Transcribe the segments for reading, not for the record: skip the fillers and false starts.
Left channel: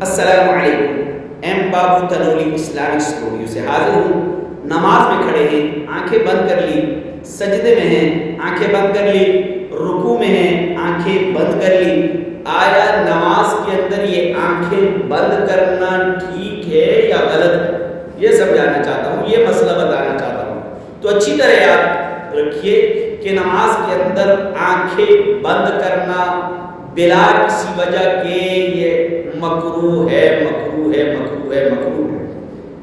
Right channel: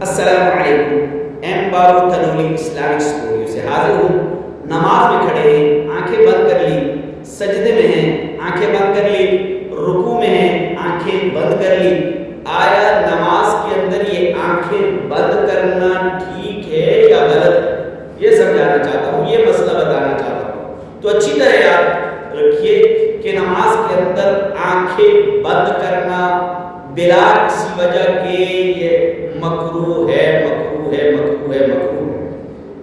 السلام علیکم، ایم بابو Tanoli Islamic studio سے حاضر ہوں۔ نماز میں کھڑے ہیں، آنکھیں بند کر لی، سجدے میں ہیں، آنکھیں بند کر لی، رکوع میں ہیں، آنکھیں بند کر لی۔ آیا نماز کے اندر یہ آنکھیں بند کرنا ٹھیک ہے یا غلط ہے؟ یہ سمجھانا چاہتا ہوں، یہ مسئلہ بتانا چاہتا ہوں۔ تو اچھی طرح یاد رکھیے کہ نماز کے اندر آنکھیں بند کرنا بلا کسی وجہ کے یہ مکروہ ہے، مکروہ ہے، مکروہ ہے، مکروہ ہے۔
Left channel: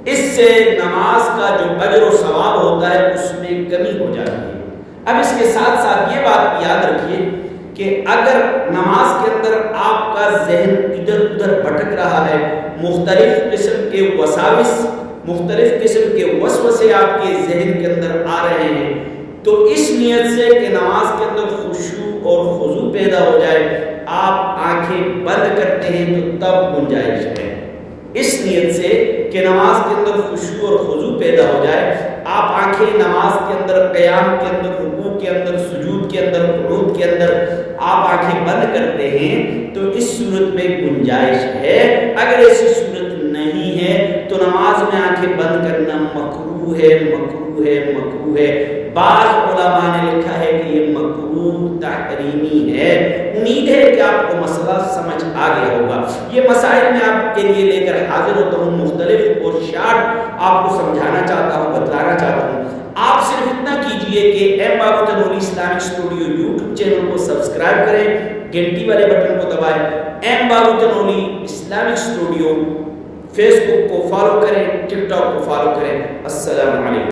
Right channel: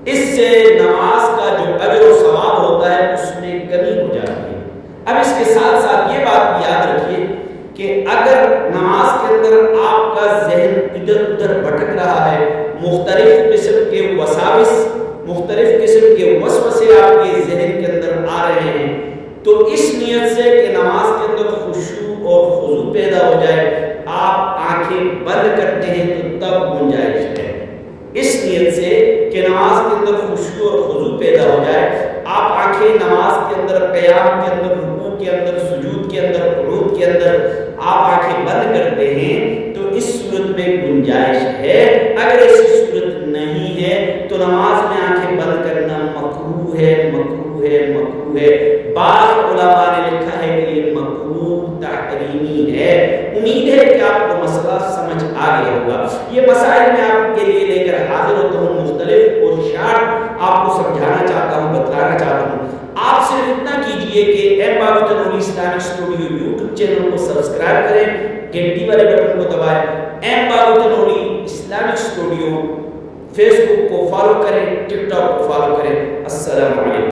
اس سے نماز کا جو اجر و ثواب ہوتا ہے اس میں کمی ہو جاتی ہے۔ اب اس کے ساتھ ساتھ یہ بات بھی یاد رکھیے کہ اگر نماز کے اندر آپ کا ذہن ادھر ادھر بھٹک رہا ہے، مختلف قسم کے وساوس، مختلف قسم کے وسوسے آپ کے ذہن کے اندر آ رہے ہیں، تو اس نیت سے کہ نماز کے اندر خشوع اور خضوع پیدا ہو جائے آپ آنکھیں بند کرتے ہیں تو تب گنجائش ہے۔ اس نیت سے کہ نماز کے اندر خشوع اور خضوع پیدا ہو جائے آپ آنکھیں نماز کے اندر، قیام کے اندر، رکوع کے اندر، سجود کے اندر، قنوت کے اندر آپ آنکھیں بند کرتے ہیں تو اس صورت میں گنجائش ہے۔ اگر ایسی صورت نہیں ہے تو نماز میں آنکھیں بند کرنا مکروہ ہے، مکروہ ہے، مکروہ ہے۔ بعض علماء نے لکھا ہے کہ یہ مکروہ تحریمی ہے۔ امید ہے کہ آپ کو مسئلہ سمجھ آ گیا ہوگا۔ یہ مسائل میں آپ کے لیے لے کر حاضر ہوتا ہوں، مختلف اور شارٹ آپ کو سمجھانا چاہتا ہوں، بتلانا چاہتا ہوں۔ آپ صرف اتنا کیجئے کہ ایم بابو Tanoli Islamic studio YouTube channel کو سبسکرائب کریں، گھنٹی والے بٹن کو دبائیں، ایم بابو تنولی اسلامک اسٹوڈیو فیس بک کو فالو کریں، ٹک ٹاک کو فالو کریں۔ السلام علیکم۔